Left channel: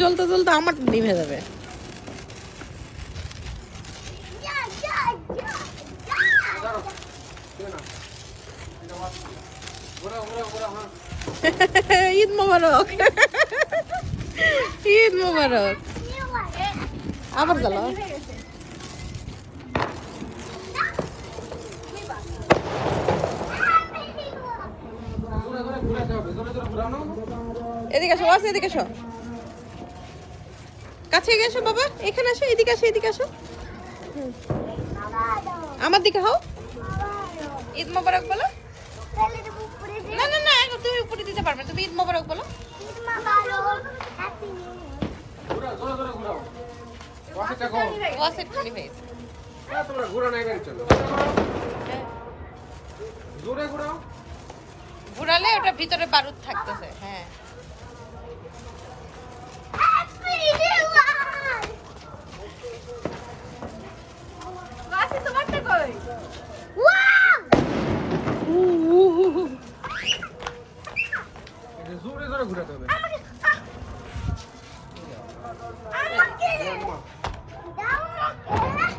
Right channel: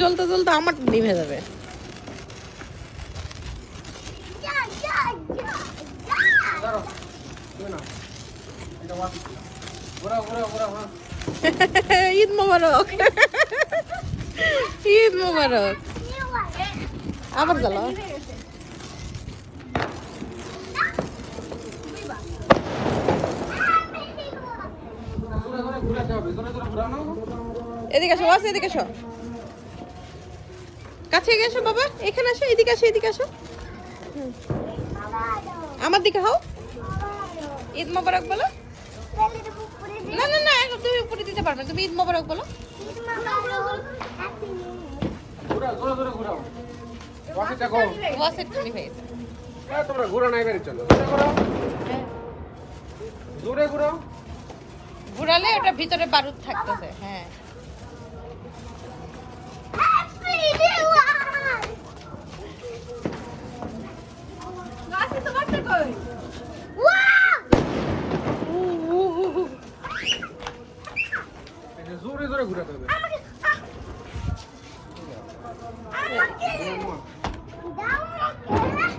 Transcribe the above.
জ্বলতে জ্বলতে আমার নিভে যাবে। ঈদ মোবারক, ঈদ মোবারক। আবার জ্বালা। এদিকে আসো, আসো এদিকে আসো, কাছে গেছো বাবা, এখানে আসো, এদিকে আসো, এদিকে আসো। আমার দিকে হও। ঈদ মোবারক বলো। না না না, তুমি উপরে দিতে পারবে, তুমি ঈদ মোবারক বলো। ঈদ মোবারক, হ্যাপি নিউ ইয়ার। তোমরা ঘুরে নাই বাড়ি চলো, ঘুরে ঘুরে ঘুরালে ওটা ভিতরে বারুদ থাকতেছে। হ্যাঁ, হ্যাপি নিউ ইয়ার। গাছে তোমারটা কই? ওয়াও, জোরে জোরে ঘুরাতে হবে।